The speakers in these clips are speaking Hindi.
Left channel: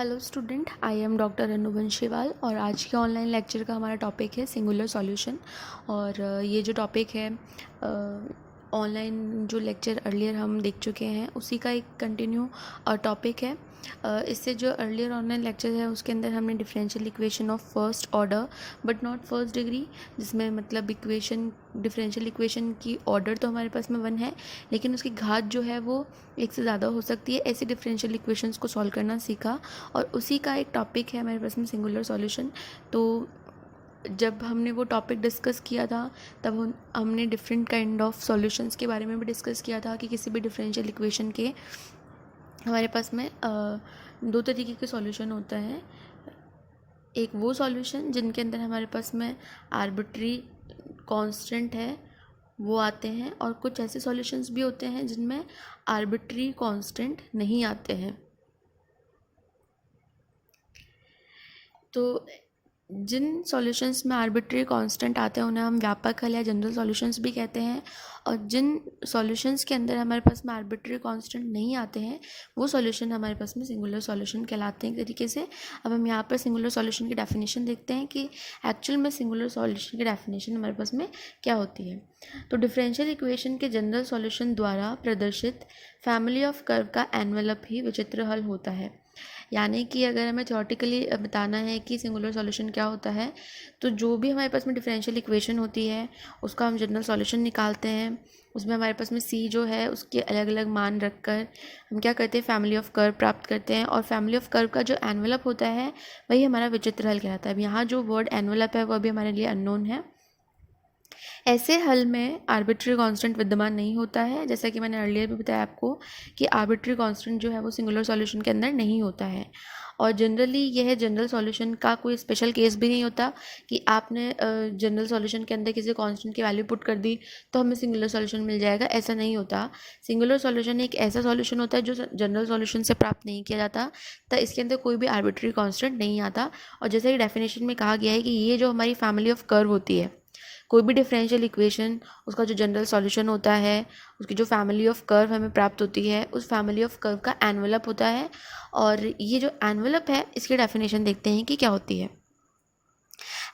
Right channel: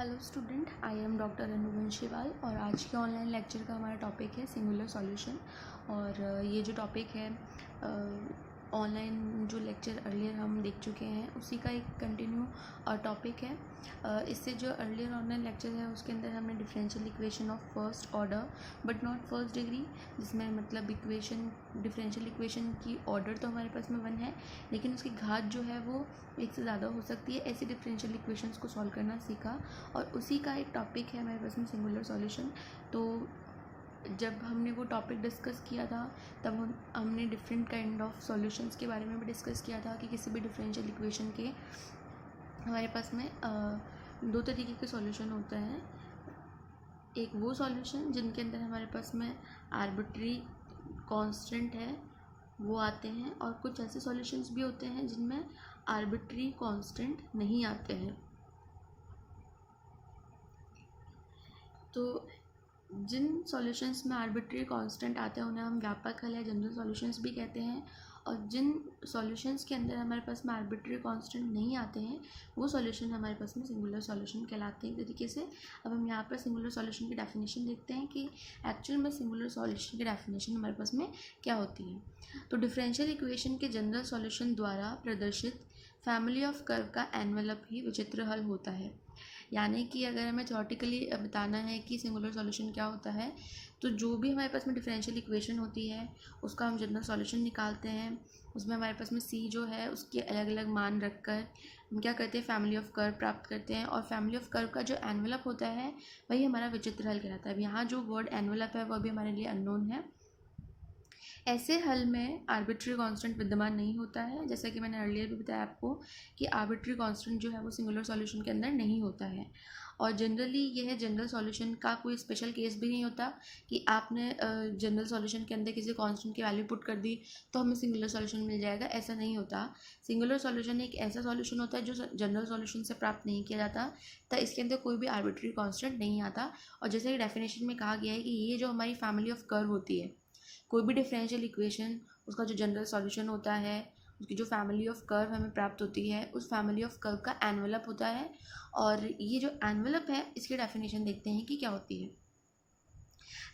Hello student, I am doctor Anu Banshiwal और आज के ऑनलाइन लेक्चर का हमारा टॉपिक है सिंगुलर सॉल्यूशन। और ये जो टॉपिक है ऑनलाइन जो लेक्चर अर्लियर हम देख चुके हैं उसी का एक कंटिन्यू टॉपिक है। इससे जो अर्लियर ऑनलाइन लेक्चर है उसके अंदर हमने differential equation of first order but not first degree, जिसमें मतलब इक्वेशन डिफरेंशियल इक्वेशन की ऑर्डर तो हमारे पास में 1 है लेकिन उसकी घात जो है वो 1 से ज़्यादा हो सकती है। ऐसी डिफरेंशियल इक्वेशंस को सॉल्व करना सीखा और उसी का एक टॉपिक है हमारे पास में सिंगुलर सॉल्यूशन। तो जब हमने वो टॉपिक डिस्कस किया था तब हमने डिफरेंट काइंड ऑफ सॉल्यूशंस के बारे में भी डिस्कस किया था कि किसी भी डिफरेंशियल इक्वेशन के हमारे पास में 2 तरीके के सॉल्यूशन होता है। एक वो सॉल्यूशन जिनके अंदर हमारे पास में आर्बिट्री कांस्टेंट है वो आते हैं, और कुछ ऐसे सॉल्यूशंस भी होते हैं जिनमें आर्बिट्री कांस्टेंट नहीं आते हैं। तो जिन सॉल्यूशंस में आर्बिट्री कांस्टेंट आते हैं उन्हें हम व्यापक हल या जनरल सॉल्यूशंस भी कहते हैं, और जिन सॉल्यूशंस के अंदर हमारे पास में आर्बिट्री कांस्टेंट नहीं आते हैं वो सॉल्यूशन हमारे पास में सिंगुलर सॉल्यूशन कहलाते हैं एक तरीके से। अब हम यहाँ पर सिंगुलर सॉल्यूशन की डेफिनेशन देखते हैं कि एक्चुअल में सिंगुलर सॉल्यूशन की डेफिनेशन हमारे पास में क्या होती है। तो डिफरेंशियल इक्वेशन के जनरल सॉल्यूशन द्वारा प्रदर्शित फैमिली ऑफ कर्व का एनवेलप ही विचित्र हल होता है। यानी कि अगर हमें थ्योरेटिकली बताना है कि सिंगुलर सॉल्यूशन क्या होता है, तो जो भी हमारे पास में डिफरेंशियल इक्वेशन होती है उसका हम जनरल सॉल्यूशन निकालते हैं। उसमें हमारे पास में सी जो है उसके अलग अलग मान रखकर हम क्या करते हैं, फैमिली ऑफ कर्व प्राप्त करते हैं, और फैमिली ऑफ कर्व का जो एनवेलप होता है वही हमारा विचित्र हल कहलाता है। अब यहाँ जो वर्ड एनवेलप है वह भी हमारे लिए अननोन है। ऐसे हल में आर्बिट्री कांस्टेंट विद्यमान नहीं होता है, जैसा कि मैंने अर्लियर भी बताया आपको कि आर्बिट्री कांस्टेंट जो है वो सिंगुलर सॉल्यूशन के अंदर नहीं होता है। और जनरली यह जनरल सॉल्यूशन का कोई स्पेशल केस भी नहीं होता कि आपने जनरल सॉल्यूशन के अंदर किसी कांस्टेंट की वैल्यू पुट कर दी तो हमें सिंगुलर सॉल्यूशन मिल जाएगा, ऐसा नहीं होता। सिंगुलर सॉल्यूशन एक ऐसा सॉल्यूशन होता है जो जनरल सॉल्यूशन से प्राप्त नहीं किया जाता, तो इसके अंदर कोई भी आर्बिट्री कांस्टेंट नहीं आता। और जैसे कि डेफिनेशन में कहा गया है कि ये जो हमारी फैमिली ऑफ कर्व होती है, कोई भी डिफरेंशियल इक्वेशन उसका जो जनरल सॉल्यूशन होता है उसकी जो फैमिली ऑफ कर्व हमें प्राप्त होती है उस फैमिली ऑफ कर्व का एनवेलप होता है। और ये जो एनवेलप है इसकी डेफिनेशन देखते हैं कि क्या होती है।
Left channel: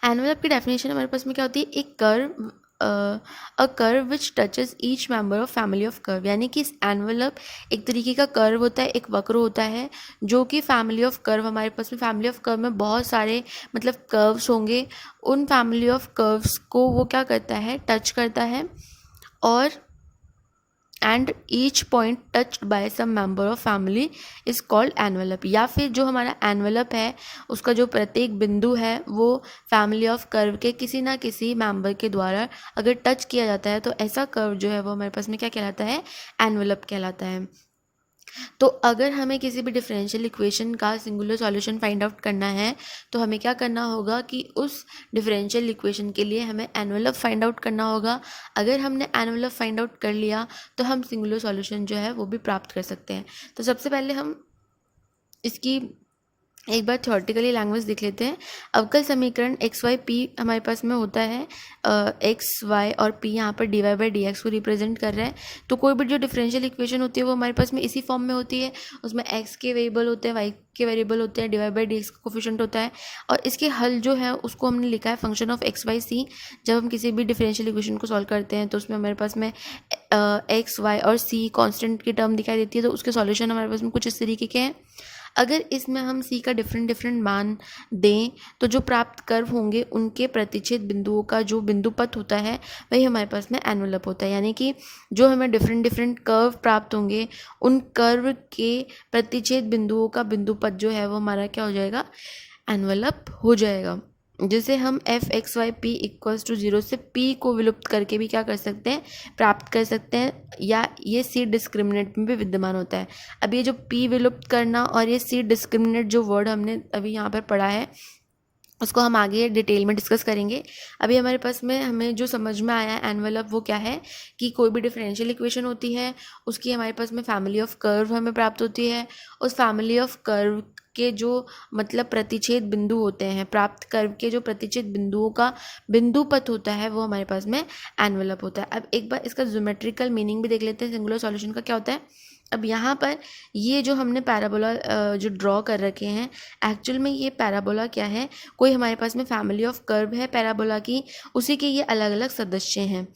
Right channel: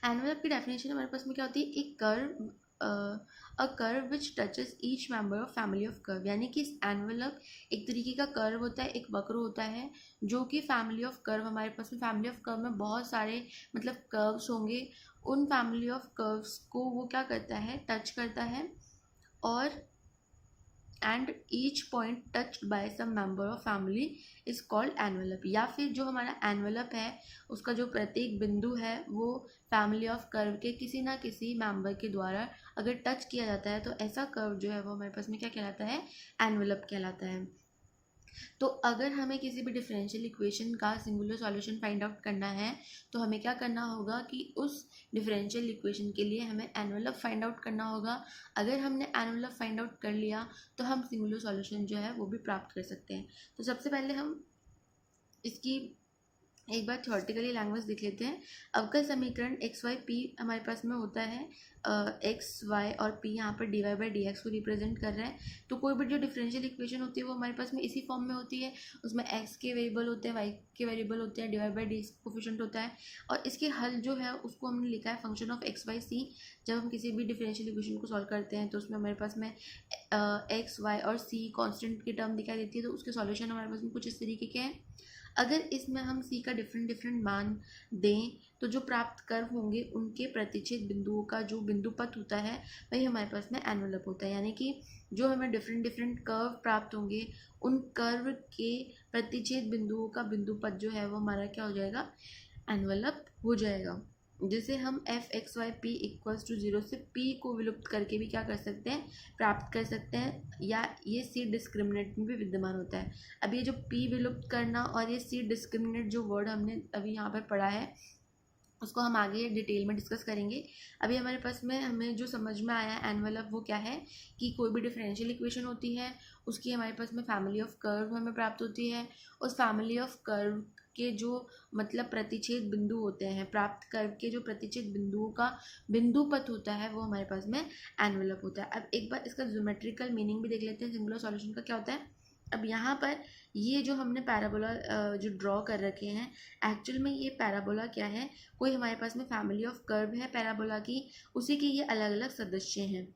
एनवेलप की डेफिनेशन हमारे पास में क्या होती है, एक curve a curve which touches each member of family of curve. यानी कि इस एनवेलप एक तरीके का कर्व होता है, एक वक्र होता है जो कि फैमिली ऑफ कर्व, हमारे पास में फैमिली ऑफ कर्व में बहुत सारे मतलब कर्व्स होंगे, उन फैमिली ऑफ कर्व्स को वो क्या करता है, टच करता है, और and each point touched by some member of family is called envelope. या फिर जो हमारा एनवेलप है उसका जो प्रत्येक बिंदु है वो फैमिली ऑफ कर्व के किसी ना किसी मेंबर के द्वारा अगर टच किया जाता है तो ऐसा कर्व जो है वो हमारे पास में क्या कहलाता है, एनवेलप कहलाता है। तो अगर हमें किसी भी डिफरेंशियल इक्वेशन का सिंगुलर सॉल्यूशन फाइंड आउट करना है तो हमें क्या करना होगा कि उस डिफरेंशियल इक्वेशन के लिए हमें एनवेलप फाइंड आउट करना होगा। अगर हमने एनवेलप फाइंड आउट कर लिया तो हम सिंगुलर सॉल्यूशन जो है वो भी प्राप्त कर सकते हैं। तो सबसे पहले हम इसकी एक बार थ्योरेटिकली लैंग्वेज देख लेते हैं। अवकल समीकरण एक्स वाई पी हमारे पास में होता है, एक्स वाई और पी यहाँ पर D Y by D X को रिप्रेजेंट कर रहा है। तो कोई भी जो डिफरेंशियल इक्वेशन होती है वो हमारे पास में इसी फॉर्म में होती है, उसमें एक्स के वेरिएबल होते हैं, वाई के वेरिएबल होते हैं, D Y by D X का कोफिशिएंट होता है, और इसके हल जो है उसको हमने लिखा है function of X Y C. जब हम किसी भी डिफरेंशियल इक्वेशन को सॉल्व करते हैं तो उसमें हमारे पास में एक्स वाई और सी कॉन्स्टेंट की टर्म दिखाई देती है, तो उसके सॉल्यूशन हमारे पास में कुछ इस तरीके के हैं। अगर इसमें हम सी का डिफरेंट मान दें तो जो प्राप्त कर्व होंगे उनके प्रतिच्छेद बिंदुओं का जो बिंदुपथ होता है वही हमारे पास में एनवेलप होता है। यानी कि जो हमें डिफरेंट कर्व प्राप्त होंगे उन कर्व के प्रतिच्छेद बिंदुओं का बिंदुपथ जो है वो हमारा क्या हो जाएगा, एनवेलप हो जाएगा। जिसे हम F X Y P equals to 0 से पी को विलुप्त करके भी क्या कर सकते हैं, प्राप्त कर सकते हैं, या ये सी डिस्क्रिमिनेंट में भी विद्यमान होता है। अब ये जो पी विलुप्त करना और ये सी डिस्क्रिमिनेंट जो वर्ड हमने अभी यहाँ पर पढ़ा है उसको हम आगे डिटेल में डिस्कस करेंगे। अभी हमारे पास में हमें जो समझ में आया एनवेलप वो क्या है कि कोई भी डिफरेंशियल इक्वेशन होती है उसकी हमारे पास में फैमिली ऑफ कर्व हमें प्राप्त होती है, उस फैमिली ऑफ कर्व के जो मतलब प्रतिच्छेद बिंदु होते हैं, प्राप्त कर्व के जो प्रतिच्छेद बिंदुओं का बिंदुपथ होता है वो हमारे पास में एनवेलप होता है। अब एक बार इसका ज्योमेट्रिकल मीनिंग भी देख लेते हैं सिंगुलर सॉल्यूशन का क्या होता है। अब यहाँ पर ये जो हमने पैराबोला जो ड्रॉ कर रखे हैं, एक्चुअल में ये पैराबोला क्या है, कोई हमारे पास में फैमिली ऑफ कर्व है पैराबोला की, उसी के ये अलग अलग सदस्य हैं।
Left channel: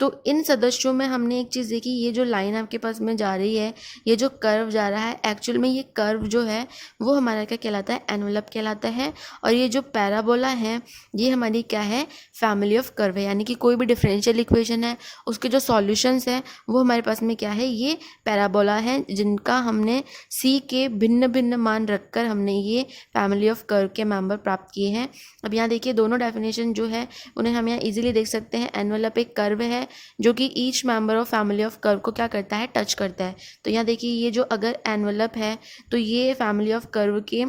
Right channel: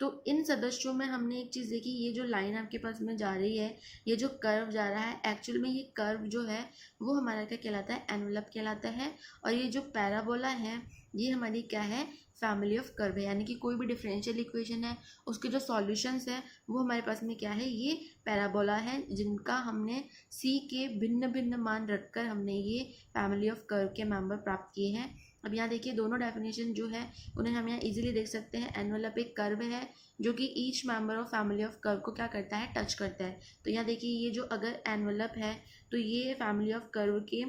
तो इन सदस्यों में हमने एक चीज़ देखी, ये जो लाइन आपके पास में जा रही है, ये जो कर्व जा रहा है, एक्चुअल में ये कर्व जो है वो हमारा क्या कहलाता है, एनवलप कहलाता है। और ये जो पैराबोला है ये हमारी क्या है, फैमिली ऑफ कर्व है। यानी कि कोई भी डिफरेंशियल इक्वेशन है उसके जो सॉल्यूशंस हैं वो हमारे पास में क्या है, ये पैराबोला है, जिनका हमने सी के भिन्न भिन्न मान रखकर हमने ये फैमिली ऑफ कर्व के मेंबर प्राप्त किए हैं। अब यहाँ देखिए दोनों डेफिनेशन जो है उन्हें हम यहाँ इजीली देख सकते हैं। एनवलप एक कर्व है जो कि each member of family of curve को क्या करता है, टच करता है। तो यहाँ देखिए ये जो अगर एनवलप है तो ये फैमिली ऑफ कर्व के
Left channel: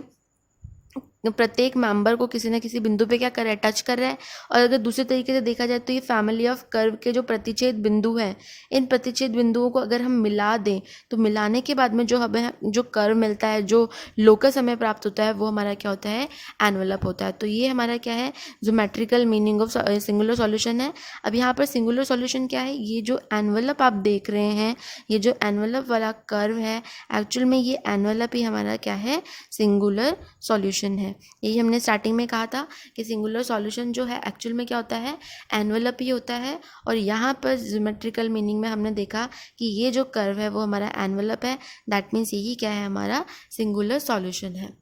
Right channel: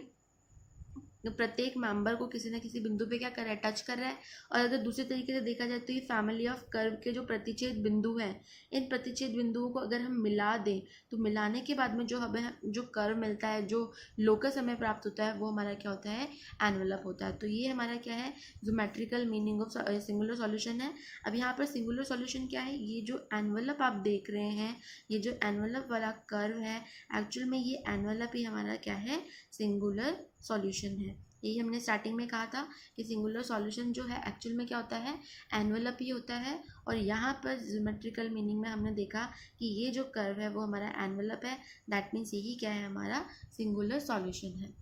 प्रत्येक मेंबर को किसी न किसी बिंदु पे क्या कर रहा है, टच कर रहा है। और अगर दूसरे तरीके से देखा जाए तो ये फैमिली ऑफ कर्व के जो प्रतिच्छेद बिंदु हैं, इन प्रतिच्छेद बिंदुओं को अगर हम मिला दें तो मिलाने के बाद में जो हमें जो कर्व मिलता है, जो लोकस हमें प्राप्त होता है, वो हमारा क्या होता है, एनवलप होता है। तो ये हमारा क्या है, geometrical meaning of singular solution है। अब यहाँ पर सिंगुलर सॉल्यूशन क्या है, ये जो एनवलप आप देख रहे हैं, ये जो एनवलप वाला कर्व है, एक्चुअल में ये एनवलप ही हमारा क्या है, सिंगुलर सॉल्यूशन है। यही हमने स्टार्टिंग में कहा था कि सिंगुलर सॉल्यूशन जो है एक्चुअल में क्या होता है, एनवलप ही होता है। और यहाँ पर ज्योमेट्रिकल मीनिंग में हमने देखा कि ये जो कर्व है वो हमारा एनवलप है, दैट मीन्स यही क्या है, हमारा सिंगुलर सॉल्यूशन है।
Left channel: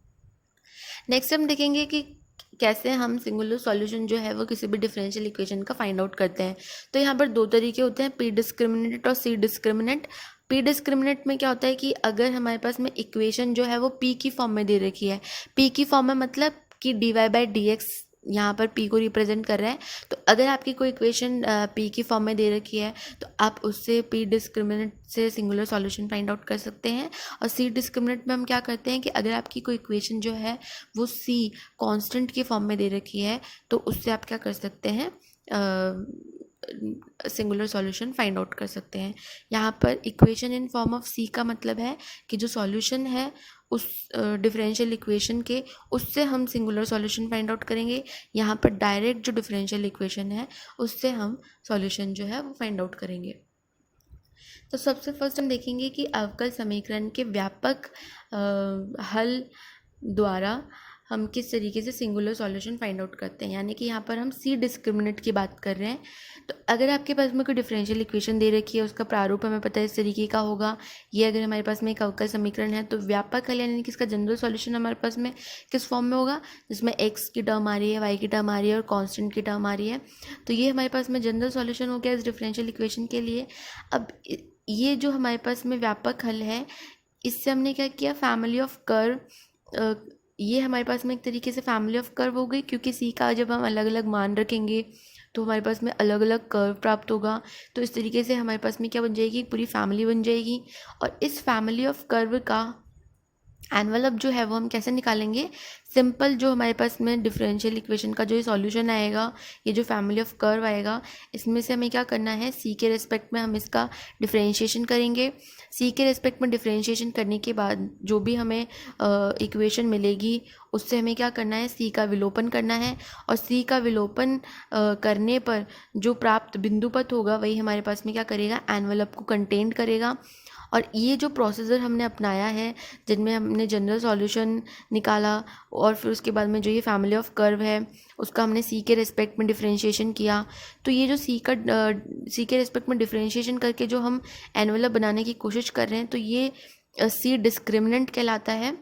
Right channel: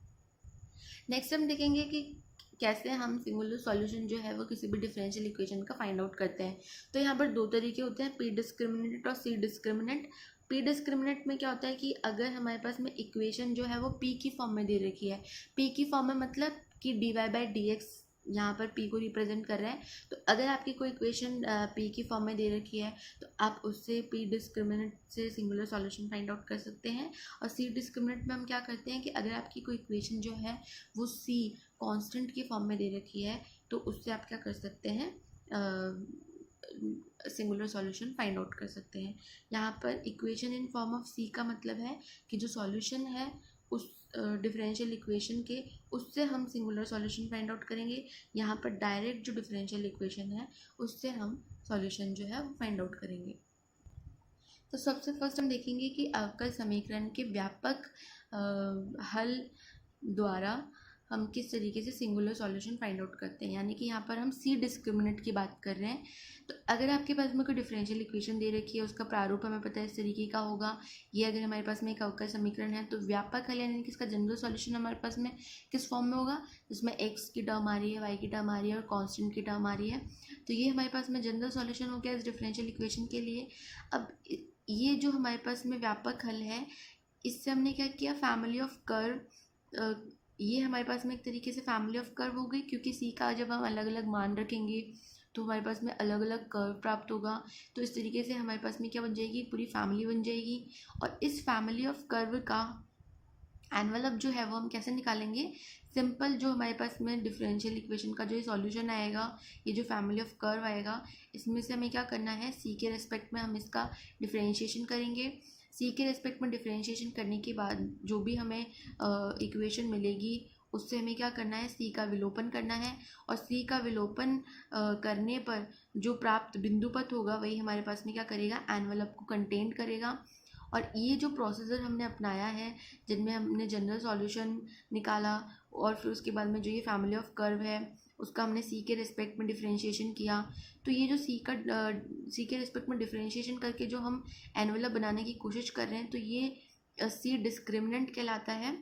नेक्स्ट हम देखेंगे कि कैसे हम सिंगुलर सॉल्यूशन जो है वो किसी भी डिफरेंशियल इक्वेशन का फाइंड आउट करते हैं। तो यहाँ पर दो तरीके होते हैं, पी डिस्क्रिमिनेंट और सी डिस्क्रिमिनेंट। पी डिस्क्रिमिनेंट में क्या होता है कि अगर हमारे पास में इक्वेशन जो है वो पी की फॉर्म में दे रखी है, पी की फॉर्म में मतलब कि D Y by D X यहाँ पर पी को रिप्रेजेंट कर रहा है। तो अगर आपकी कोई इक्वेशन पी की फॉर्म में दे रखी है तो आप उससे पी डिस्क्रिमिनेंट से सिंगुलर सॉल्यूशन फाइंड आउट कर सकते हैं। और सी डिस्क्रिमिनेंट में हम क्या करते हैं कि अगर आपकी कोई इक्वेशन जो है वो सी कांस्टेंट की फॉर्म में दे रखी है तो उससे आप क्या कर सकते हैं, सिंगुलर सॉल्यूशन फाइंड आउट कर सकते हैं। यहाँ पर इक्वेशन इन फॉर्म ऑफ सी का मतलब है कि जो सॉल्यूशन है उस डिफरेंशियल इक्वेशन के, उससे हम सिंगुलर सॉल्यूशन फाइंड आउट करेंगे। यहाँ पर डायरेक्ट जो डिफरेंशियल इक्वेशन है उससे हम सॉल्यूशन जो है वो फाइंड आउट करेंगे। तो सबसे फर्स्ट हम देखेंगे कि अवकल समीकरण के व्यापक हल द्वारा हम किस तरीके से सिंगुलर सॉल्यूशन फाइंड आउट करते हैं। यानी कि यहाँ पर हम सी डिस्क्रिमिनेंट की बात कर रहे हैं। तो अगर आपके पास में कोई डिफरेंशियल इक्वेशन दे रखी है, उसका प्रारूप हमें पता है इस तरीके का होगा। ये अगर हमारे पास में एक अवकल समीकरण है तो व्यापक हल यानी कि इसका जनरल सॉल्यूशन हमारे पास में किस फॉर्म में होगा, जिसमें एक्स की टर्म आ रही है, वाई की टर्म आ रही है और कॉन्स्टेंट की टर्म आ रही है। तो ये हमारे पास में जनरल सॉल्यूशन हो गया इस डिफरेंशियल इक्वेशन के लिए। अब ये जो हमारे पास में व्यापक हल है, इससे हमने क्या किया, फैमिली ऑफ कर्व, ये हमारे पास में एक तरीके से फैमिली ऑफ कर्व हो गई, क्योंकि सी का जब हम अलग अलग मान रखेंगे तो हमारे पास में अलग अलग कर्व प्राप्त होगा। तो इस तरीके से हमारे पास में क्या बन जाएगी, पूरी फैमिली बन जाएगी। और इस फैमिली ऑफ कर्व का एनवलप जो है वो हम कैसे निकालेंगे, सिंपल जो हमारे पास में डिफरेंशियल इक्वेशन का जो ये सॉल्यूशन आएगा, ये जो फैमिली ऑफ कर्व आएगा, इसमें से हमें क्या करना है, सी के रेस्पेक्ट में हम इसका डिफरेंशिएशन करेंगे। सी के रेस्पेक्ट में डिफरेंशिएशन करने के बाद जो भी हमें इक्वेशन मिलेगी उससे हमें क्या करना है, सी का विलोपन करना है। और सी का विलोपन करने पर जो प्राप्त बिंदुपथ होगा वही हमारे पास में क्या करेगा, एनवलप को कंटेन करेगा। और ये जो प्रोसीजर हमने अपनाया है, जिनमें हमने जनरल सॉल्यूशन निकाला और फिर उसके बाद में जो ये फैमिली ऑफ कर्व है उसका हमने सी के रेस्पेक्ट में डिफरेंशिएशन किया। तो ये जो सी के रेस्पेक्ट में डिफरेंशिएशन करके जो हम एनवलप बनाने की कोशिश कर रहे हैं, तो ये सी डिस्क्रिमिनेंट कहलाता है।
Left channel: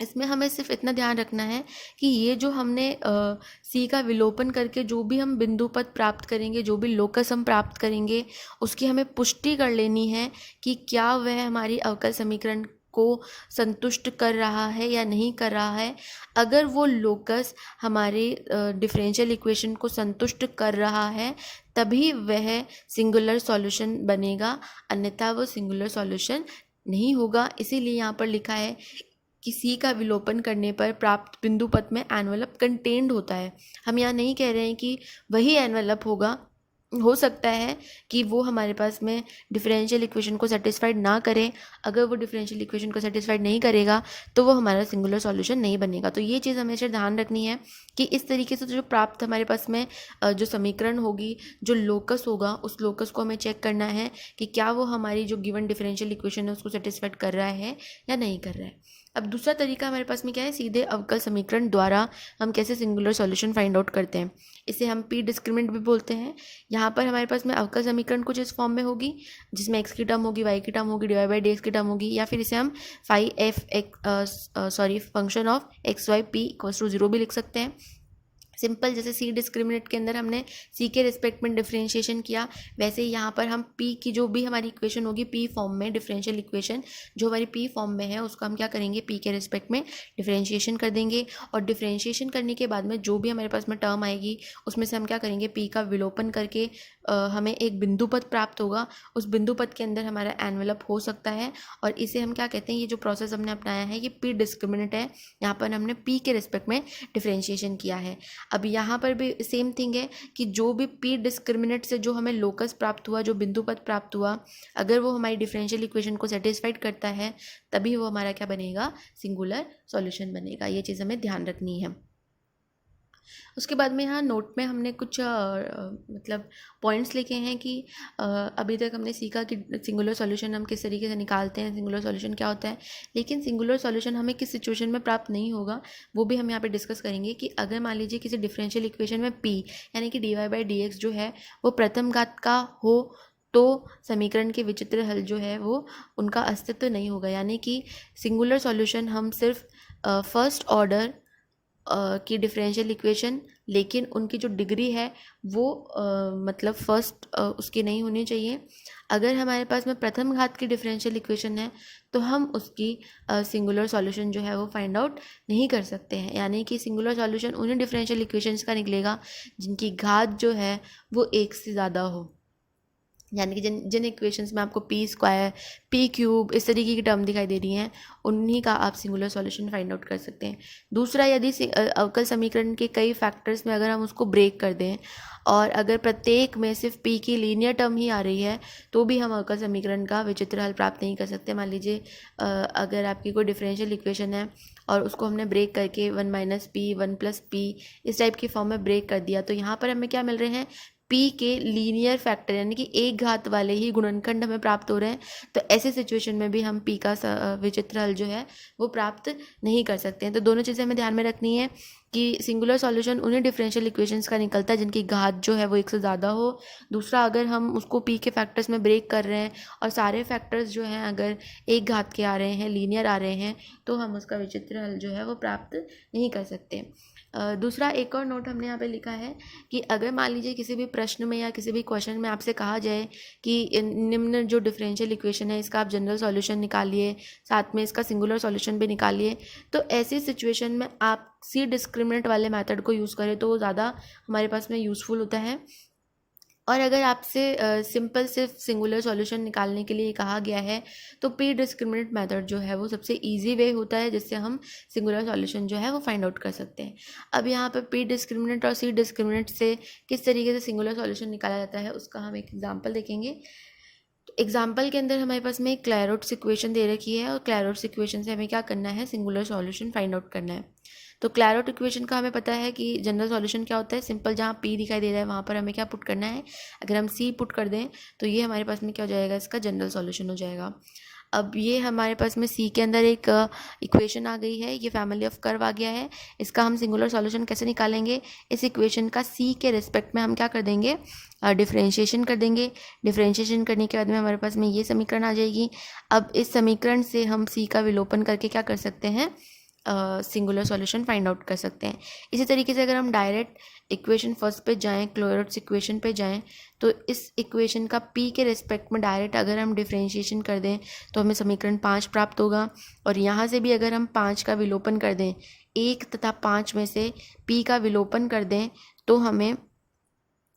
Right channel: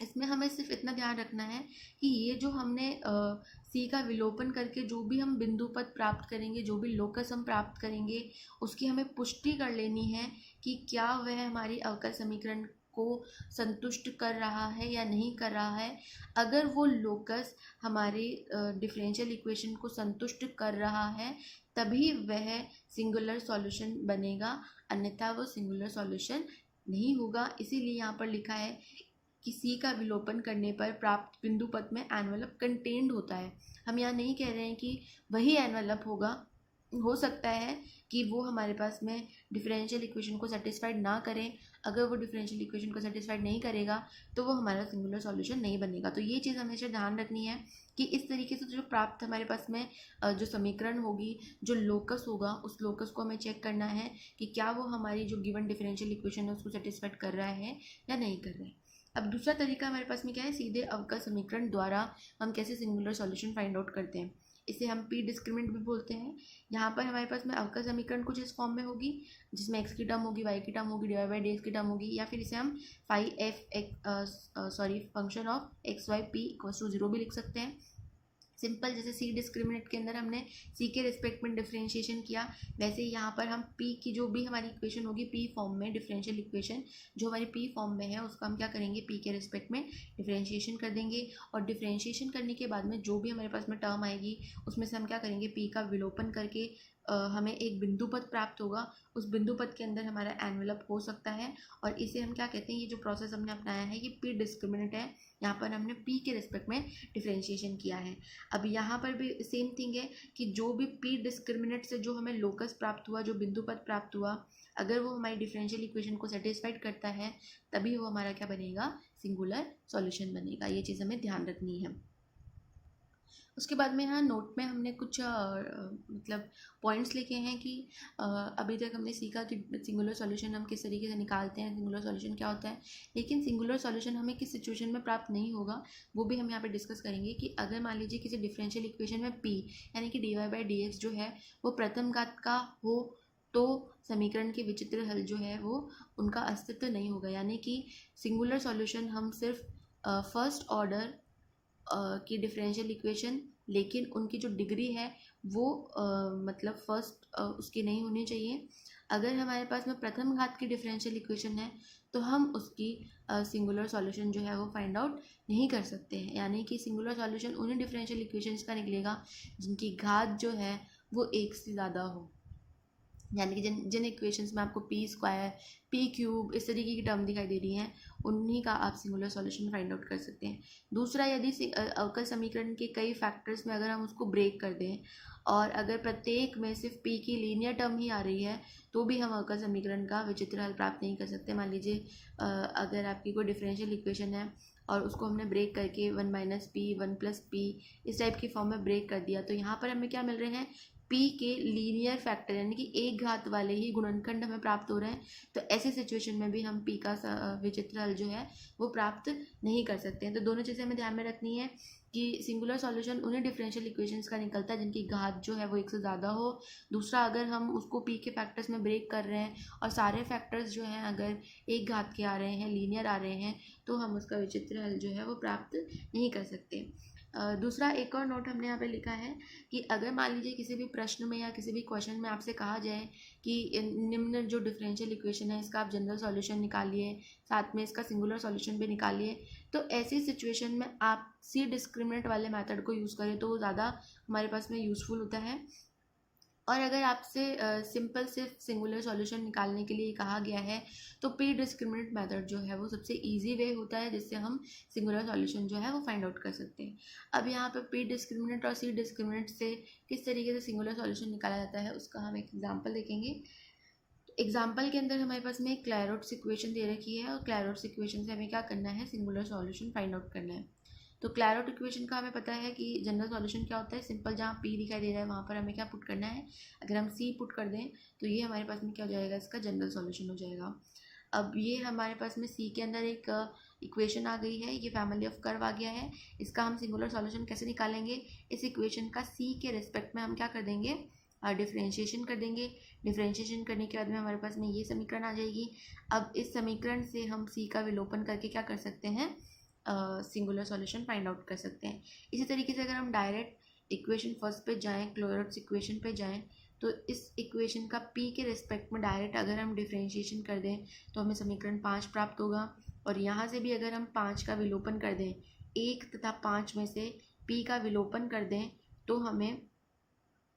इसमें हमें सिर्फ इतना ध्यान रखना है कि ये जो हमने सी का विलोपन करके जो भी हम बिंदु पद प्राप्त करेंगे, जो भी लोकस हम प्राप्त करेंगे, उसकी हमें पुष्टि कर लेनी है कि क्या वह हमारी अवकल समीकरण को संतुष्ट कर रहा है या नहीं कर रहा है। अगर वो लोकस हमारे डिफरेंशियल इक्वेशन को संतुष्ट कर रहा है तभी वह सिंगुलर सॉल्यूशन बनेगा, अन्यथा वो सिंगुलर सॉल्यूशन नहीं होगा। इसीलिए यहाँ पर लिखा है कि सी का विलोपन करने पर प्राप्त बिंदु पथ में एनवलप कंटेन्ड होता है। हम यहाँ नहीं कह रहे हैं कि वही एनवलप होगा, हो सकता है कि वो हमारे पास में डिफरेंशियल इक्वेशन को सेटिस्फाइड ना करें। अगर वो डिफरेंशियल इक्वेशन को सेटिस्फाइड नहीं करेगा तो वो हमारा सिंगुलर सॉल्यूशन नहीं बनेगा। तो ये चीज़ हमेशा ध्यान रखनी है कि इस तरीके से जो प्राप्त हमारे पास में जो समीकरण होगी, जो लोकस होगा, उस लोकस को हमें चेक करना है कि क्या वो हमारी जो गिवन डिफरेंशियल इक्वेशन है उसको सेटिस्फाइड कर रहा है या नहीं कर रहा है। अब दूसरा तरीका हमारे पास में क्या है, सीधे अवकल समीकरण द्वारा हम कैसे सिंगुलर सॉल्यूशन फाइंड आउट करते हैं। इसे हम पी डिस्क्रिमिनेंट भी बोलते हैं। यहाँ पर हमारे पास में अवकल समीकरण कुछ इस फॉर्म में होगी, जिसमें एक्स की टर्म होगी, वाई की टर्म होगी, डिवाइड बाई डी एक्स की टर्म होगी, या फिर इसे हम phi F function of X Y P equals to 0 भी लिख सकते हैं। सिंपल, जैसे सी डिस्क्रिमिनेंट के अंदर हमने सी के रिस्पेक्ट में डिफरेंशिएशन किया, वैसे ही यहाँ पर हम पी की जो भी हमारी इक्वेशन होगी पी फॉर्म में, डिफरेंशियल इक्वेशन जो हमारी पी फॉर्म में है उसको हम क्या करेंगे, पी के रिस्पेक्ट में डिफरेंशिएशन कर देंगे। और डिफरेंशिएशन करने के बाद में जो भी हमारे पास में टर्म आएगी उसमें से हम क्या करेंगे, पी का विलोपन करके हमें एक बिंदु पद प्राप्त होगा। उस बिंदु पद के अंदर हमारा एनवेलप हो सकता है, और इसे हम क्या कहते हैं, ये जो प्रोसेस हमने अपनाया है ये पी डिस्क्रिमिनेंट है। यहाँ पर हमने पी के रिस्पेक्ट में डिफरेंशिएशन किया है। अब यहाँ पर भी सेम थिंग है कि जो भी पी डिस्क्रिमिनेंट से जो हमें लोकस प्राप्त हुआ, जो बिंदु पद प्राप्त हुआ, अगर वो हमारी डिफरेंशियल इक्वेशन को सेटिस्फाइड करता है तभी वो हमारा क्या बनेगा, सिंगुलर सॉल्यूशन बनेगा। ये चीज़ हमें ध्यान रखनी है। उसके बाद में यहाँ नोट में हमने कुछ मतलब पॉइंट्स लिखे हैं कि अभी तक हमने सीखा कि सिंगुलर सॉल्यूशन हम किस तरीके से निकालते हैं, सिंगुलर सॉल्यूशन क्या होता है, लेकिन सिंगुलर सॉल्यूशन हमें किस सिचुएशन में प्राप्त नहीं होगा वो भी हम यहाँ पे डिस्कस करेंगे। कि अगर मान लीजिए किसी डिफरेंशियल इक्वेशन में पी यानी कि D Y by D X जो है वो प्रथम घात का हो तो समीकरण के विचित्र हल जो है वो उनका अस्तित्व नहीं होगा। यानी कि सिंगुलर सॉल्यूशन हम सिर्फ फर्स्ट ऑर्डर की डिफरेंशियल इक्वेशन, लेकिन उनकी जो डिग्री है वो मतलब फर्स्ट उसकी नहीं होनी चाहिए। अगर हमारे पास में प्रथम घात की डिफरेंशियल इक्वेशन है तो हम उसकी सिंगुलर सॉल्यूशन जो है वो फाइंड आउट नहीं कर सकते हैं। यानी कि सिंगुलर सॉल्यूशन उन्हीं डिफरेंशियल इक्वेशंस का निकलेगा जिनकी घात जो है वो एक से ज़्यादा हो। यानी कि जिन जिन इक्वेशंस में आपको पी स्क्वायर, पी क्यूब इस तरीके की टर्म दिखाई दे रही हैं उन्हीं का आप सिंगुलर सॉल्यूशन फाइंड आउट कर सकते हैं। दूसरा, यदि अवकल समीकरण के कई फैक्टर्स में अगर हम उसको ब्रेक कर दें और अगर प्रत्येक में सिर्फ पी की लीनियर टर्म ही आ रही है तो भी हम अवकल समीकरण का विचित्र हल प्राप्त नहीं कर सकते। मान लीजिए अगर आपकी कोई डिफरेंशियल इक्वेशन है और उसको हमने ब्रेक करके 1 माइनस पी 1 प्लस पी इस टाइप की फॉर्म में ब्रेक कर दिया, तो यहाँ पर हमें क्या मिल रहे हैं, पी के लीनियर फैक्टर यानी कि एक घात वाले ही गुणनखंड हमें प्राप्त हो रहे हैं। तो ऐसे सिचुएशन में भी हम पी का विचित्र हल जो है वो प्राप्त नहीं कर सकते हैं। तो दोनों चीज़ें हमें ध्यान में रखनी है कि सिंगुलर सॉल्यूशन उन्हीं डिफरेंशियल इक्वेशंस का निकलता है जिनकी घात जो है वो एक से ज़्यादा हो। दूसरा, अगर हम उसको पी के फैक्टर्स में ब्रेक कर रहे हैं और सारे फैक्टर्स जो हैं अगर एक घात के आ रहे हैं, लीनियर आ रहे हैं, तो हम उसका विचित्र हल जो है वो प्राप्त नहीं कर सकते। दूसरा एक और नोट हमने यहाँ पे लिखा है कि अगर मान लीजिए किसी भी प्रश्न में या किसी भी क्वेश्चन में आपसे कहा जाए कि निम्न जो डिफरेंशियल इक्वेशन है इसका आप जनरल सॉल्यूशन निकालिए, साथ में इसका सिंगुलर सॉल्यूशन भी निकालिए, तो ऐसी सिचुएशन में आप सी डिस्क्रिमिनेंट वाले मेथड को यूज़ करें तो वो ज़्यादा हमारे पास में यूज़फुल होता है। और अगर आपसे सिंपल सिर्फ सिंगुलर सॉल्यूशन निकालने के लिए कहा गया है तो पी डिस्क्रिमिनेंट मेथड जो है वो सबसे इजी वे होता है जिससे हम सिंगुलर सॉल्यूशन जो है वो फाइंड आउट कर सकते हैं। अब यहाँ पर पी डिस्क्रिमिनेंट और सी डिस्क्रिमिनेंट से किस तरीके से सिंगुलर सॉल्यूशन निकाला जाता है उसका हम एक एग्जाम्पल देखेंगे। तो एग्जाम्पल के अंदर हमारे पास में एक क्लैरोट्स इक्वेशन दे रखी है और क्लैरोट्स इक्वेशन से हमें क्या करना है, सिंगुलर सॉल्यूशन फाइंड आउट करना है। तो क्लैरोट इक्वेशन का हमें पता है कि जनरल सॉल्यूशन क्या होता है, सिंपल जहाँ पी दिखाई दे रहा है वहाँ पर हमें क्या पुट करना है, अगर हम सी पुट कर दें तो ये हमारे पास में क्या हो जाएगा, इसका जनरल सॉल्यूशन हो जाएगा। अब ये हमारे पास में सी के अंदर एक इक्वेशन आ गई है, ये फैमिली ऑफ कर्व आ गया है। इसका हम सिंगुलर सॉल्यूशन कैसे निकालेंगे, इस इक्वेशन का सी के रिस्पेक्ट में हम क्या कर देंगे, डिफरेंशिएशन कर देंगे। डिफरेंशिएशन करने के बाद में हमारे पास में ये समीकरण आ जाएगी। अब इस समीकरण से हम सी का विलोपन करके क्या कर सकते हैं, सिंगुलर सॉल्यूशन फाइंड आउट कर सकते हैं। इसी तरीके से अगर हम डायरेक्ट इक्वेशन फर्स्ट पे जाएं, क्लोरेट्स इक्वेशन पे जाएं, तो इस इक्वेशन का पी के रिस्पेक्ट में डायरेक्ट अगर हम डिफरेंशिएशन कर दें तो हमें समीकरण 5 प्राप्त होगा। और यहाँ से भी अगर हम 5 का विलोपन कर दें, 1 तथा 5 में से पी का विलोपन कर दें तो हमें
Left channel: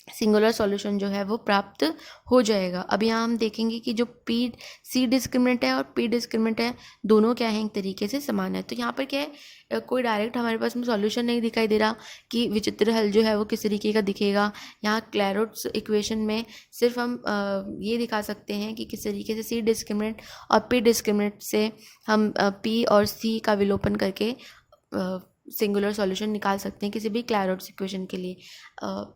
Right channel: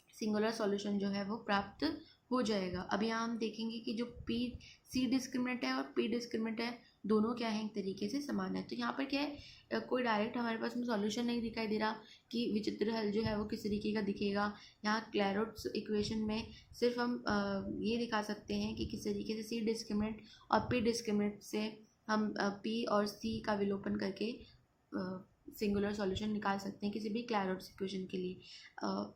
सिंगुलर सॉल्यूशन जो है वो प्राप्त हो जाएगा। अब यहाँ हम देखेंगे कि जो पी सी डिस्क्रिमिनेंट है और पी डिस्क्रिमिनेंट है दोनों क्या है, एक तरीके से समान है। तो यहाँ पर क्या है, कोई डायरेक्ट हमारे पास में सॉल्यूशन नहीं दिखाई दे रहा कि विचित्र हल जो है वो किस तरीके का दिखेगा। यहाँ क्लैरोट्स इक्वेशन में सिर्फ हम ये दिखा सकते हैं कि किस तरीके से सी डिस्क्रिमिनेंट और पी डिस्क्रिमिनेंट से हम पी और सी का विलोपन करके सिंगुलर सॉल्यूशन निकाल सकते हैं किसी भी क्लैरोट्स इक्वेशन के लिए।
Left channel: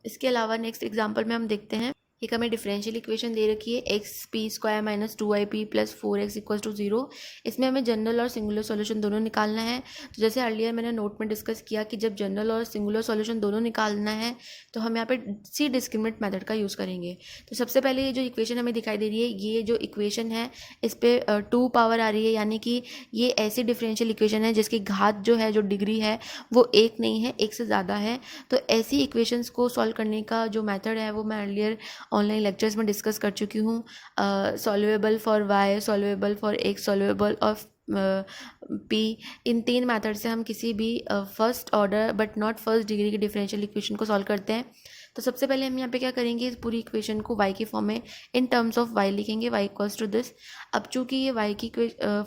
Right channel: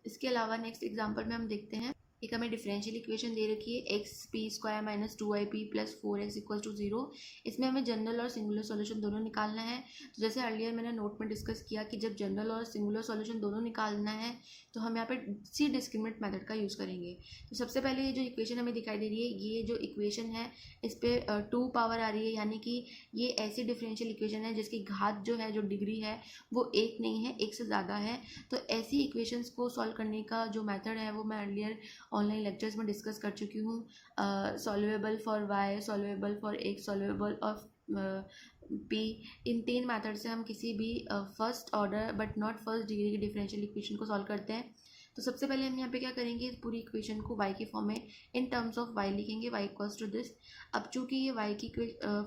इसके अलावा नेक्स्ट एग्जांपल में हम देखते हैं, एक हमें डिफरेंशियल इक्वेशन दे रखी है X P square minus 2 plus 4x equal to 0। इसमें हमें जनरल और सिंगुलर सॉल्यूशन दोनों निकालना है। तो जैसे अर्लियर मैंने नोट में डिस्कस किया कि जब जनरल और सिंगुलर सॉल्यूशन दोनों निकालना है तो हम यहाँ पे सी डिस्क्रिमिनेंट मेथड का यूज़ करेंगे। तो सबसे पहले ये जो इक्वेशन हमें दिखाई दे रही है, ये जो इक्वेशन है इस पर 2 पावर आ रही है, यानी कि ये ऐसी डिफरेंशियल इक्वेशन है जिसकी घात जो है, जो डिग्री है वो 1 नहीं है, 1 से ज़्यादा है। तो ऐसी इक्वेशंस को सॉल्व करने का जो मेथड है वो मैं अर्लियर ऑनलाइन लेक्चर्स में डिस्कस कर चुकी हूँ। Solvable for Y, solvable for X, solvable of P, इन 3 मेथड से हम किसी भी first order but not first degree की डिफरेंशियल इक्वेशन को सॉल्व करते हैं। तो सबसे पहले हम यहाँ पे क्या करेंगे, इस पूरी इक्वेशन को y की फॉर्म में इन टर्म्स ऑफ y लिखेंगे, y इक्वल्स टू दिस। अब चूंकि ये y की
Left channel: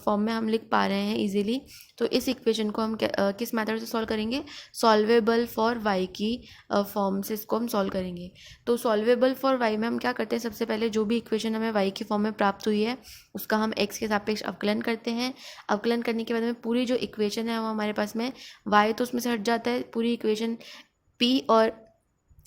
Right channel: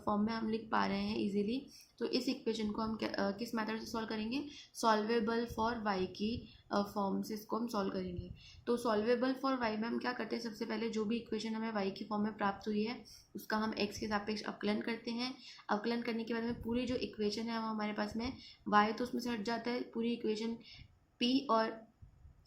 फॉर्म में हम लिख पा रहे हैं इजीली, तो इस इक्वेशन को हम किस मेथड से सॉल्व करेंगे, सॉल्वेबल फॉर y की फॉर्म से इसको हम सॉल्व करेंगे। तो सॉल्वेबल फॉर y में हम क्या करते हैं, सबसे पहले जो भी इक्वेशन हमें y की फॉर्म में प्राप्त हुई है उसका हम x के सापेक्ष अवकलन करते हैं। अवकलन करने के बाद में पूरी जो इक्वेशन है वो हमारे पास में y तो उसमें से हट जाता है, पूरी इक्वेशन p और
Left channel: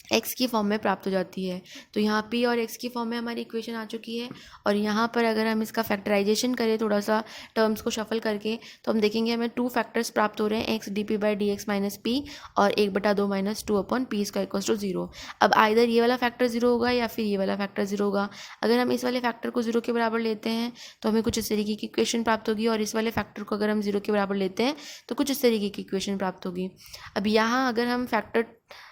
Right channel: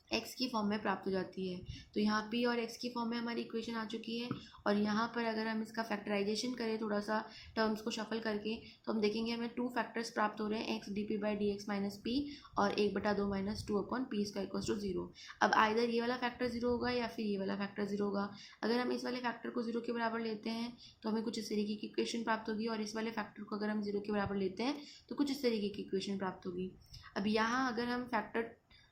x की फॉर्म में प्राप्त हो जाती है। तो यहाँ p और x की फॉर्म में हमारी इक्वेशन आ चुकी है। और यहाँ पर अगर हम इसका फैक्टराइजेशन करें थोड़ा सा टर्म्स को शफल करके, तो हम देखेंगे हमें 2 फैक्टर्स प्राप्त हो रहे हैं, x D by D X minus P और 1/2 minus 2 upon P square equals to 0। अब आइदर ये वाला फैक्टर 0 होगा या फिर ये वाला फैक्टर 0 होगा। अगर हम इस वाले फैक्टर को 0 के बराबर लेते हैं तो हमें कुछ इस तरीके की इक्वेशन प्राप्त होगी, और इस वाले फैक्टर को अगर हम 0 के बराबर लेते हैं तो कुछ इस तरीके की इक्वेशन प्राप्त होगी। अब यहाँ अगर हम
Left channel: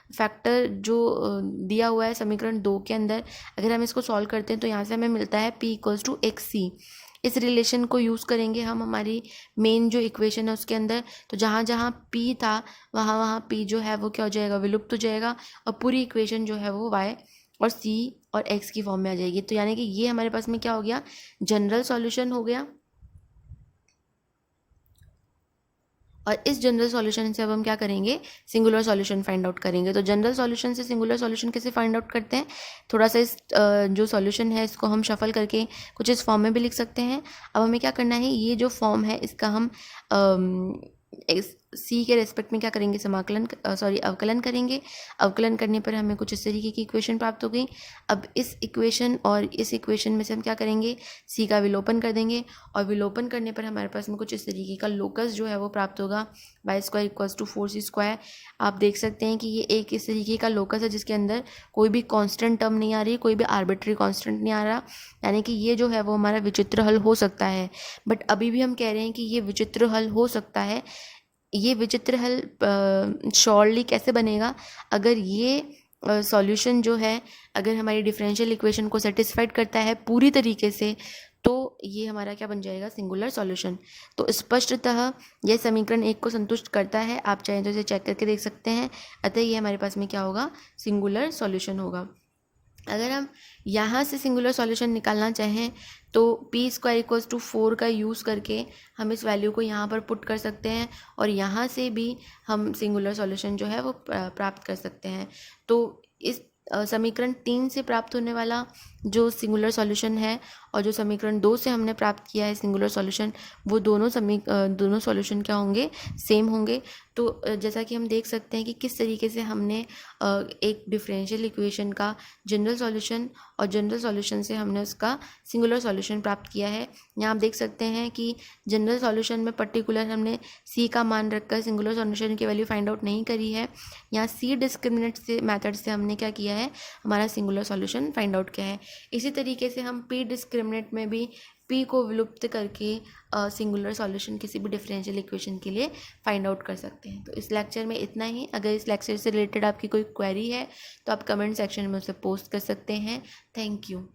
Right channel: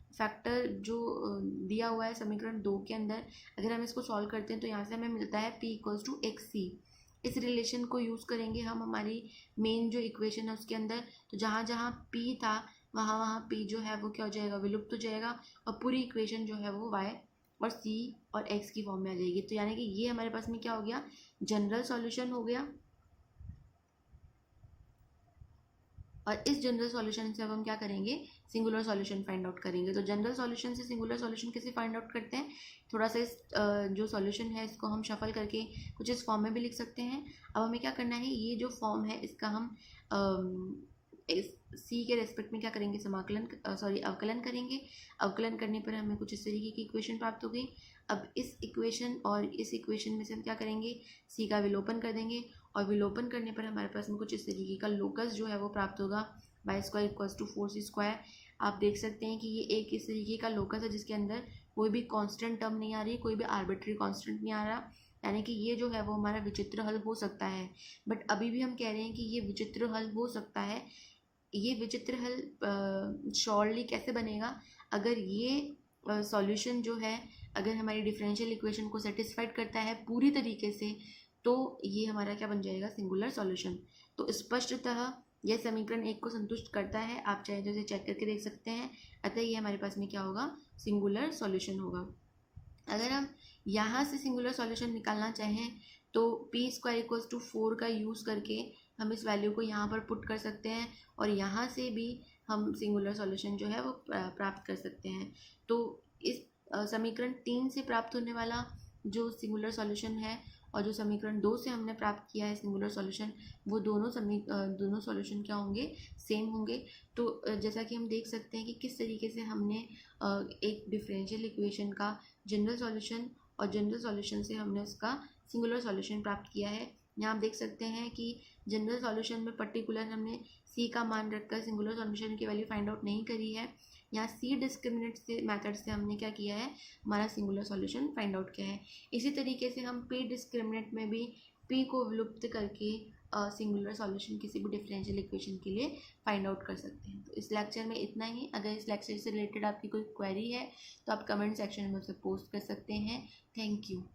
फैक्टर जो दिया हुआ है समीकरण 2 के अंदर, अगर हम इसको सॉल्व करते हैं तो यहाँ से हमें मिलता है p इक्वल्स टू एक्स सी। इस रिलेशन को यूज़ करेंगे हम हमारी मेन जो इक्वेशन है उसके अंदर। तो जहाँ जहाँ p था वहाँ वहाँ p जो है वो क्या हो जाएगा, विलुप्त हो जाएगा, और पूरी इक्वेशन जो है वो y और c और x की फॉर्म में आ जाएगी। तो यानी कि ये हमारे पास में क्या हो गया, जनरल सॉल्यूशन हो गया। और इस जनरल सॉल्यूशन से अब हम क्या करेंगे, सिंगुलर सॉल्यूशन फाइंड आउट करेंगे। तो जनरल सॉल्यूशन से सिंगुलर सॉल्यूशन कैसे फाइंड आउट करते हैं, थोड़ा सा इस जो सॉल्यूशन है इसको हम शफल करके कुछ इस फॉर्म में भी लिख सकते हैं। अब हमें क्या करना है, ये जो फॉर्म है इसका हम सी के रेस्पेक्ट में क्या करेंगे, अवकलन करेंगे। अवकलन करने पर हमें कुछ इस तरीके की इक्वेशन प्राप्त हो गई। अब इस इक्वेशन और इस इक्वेशन में से हम क्या करेंगे, सी का विलोपन कर देंगे, और विलोपन करने पर हमारे पास में कुछ इस तरीके का लोकस जो है वो प्राप्त होगा, Y square equals to 4c square. आप देख सकते हैं कि ये एक इस तरीके का लोकस है जिसके अंदर कोई भी कांस्टेंट टर्म नहीं आ रही, कोई भी आर्बिट्री कांस्टेंट नहीं आ रहा, यानी कि ये जो है वो हमारा विचित्र हल हो सकता है। बट अभी भी हम कह रहे हैं कि ये विचित्र हल हो सकता है। ये विचित्र हल श्योरली कैसे बनेगा, अगर ये सॉल्यूशन जो है अगर हमारी डिफरेंशियल इक्वेशन को सेटिस्फाइड करता है पूरी तरीके से, तो ये हमारा क्या बन जाएगा, सिंगुलर सॉल्यूशन। तो स्पष्टतः यह समीकरण 1 को संतुष्ट करता है, आप चाहें तो इसे चेक करके देख सकते हैं। अतः ये हमारे पास में क्या होगा, सिंगुलर सॉल्यूशन होगा। अगर हम यहाँ से सिंगुलर सॉल्यूशन निकालना चाहें तो पी स्क्वायर इक्वल्स टू 4 का यूज़ करके हम इस वैल्यू को यहाँ पर पुट कर सकते हैं, और यहाँ से भी हम सिंगुलर सॉल्यूशन जो है वो प्राप्त कर सकते हैं। तो इस समीकरण 3 से प्राप्त होने वाला जो सिंगुलर सॉल्यूशन है और जो समीकरण 2 से हमने प्राप्त किया है सिंगुलर सॉल्यूशन, वो दोनों सॉल्यूशन क्या होंगे, सेम होंगे। तो जैसा कि हम देख सकते हैं कि किस तरीके से हमने एक डिफरेंशियल इक्वेशन का जनरल सॉल्यूशन और जनरल सॉल्यूशन से हमने उसका सिंगुलर सॉल्यूशन प्राप्त किया है। यहाँ आप देख सकते हैं कि जनरल सॉल्यूशन में पर्टिकुलर हमने सी का मान रखकर सिंगुलर सॉल्यूशन की वैल्यू फाइंड आउट नहीं करी है। यहाँ सी डिस्क्रिमिनेंट से मेथड से हमने क्या किया है, हमारा सिंगुलर सॉल्यूशन फाइंड आउट किया है। इसी तरीके से हम पी डिस्क्रिमिनेंट में भी पी को विलुप्त करके सिंगुलर सॉल्यूशन किसी भी डिफरेंशियल इक्वेशन के लिए फाइंड आउट कर सकते हैं। तो इस लेक्चर में इतना ही। अगर इस लेक्चर से रिलेटेड आपकी कोई क्वेरी है तो आप कमेंट सेक्शन में उसे पोस्ट कर सकते हैं। Thank you.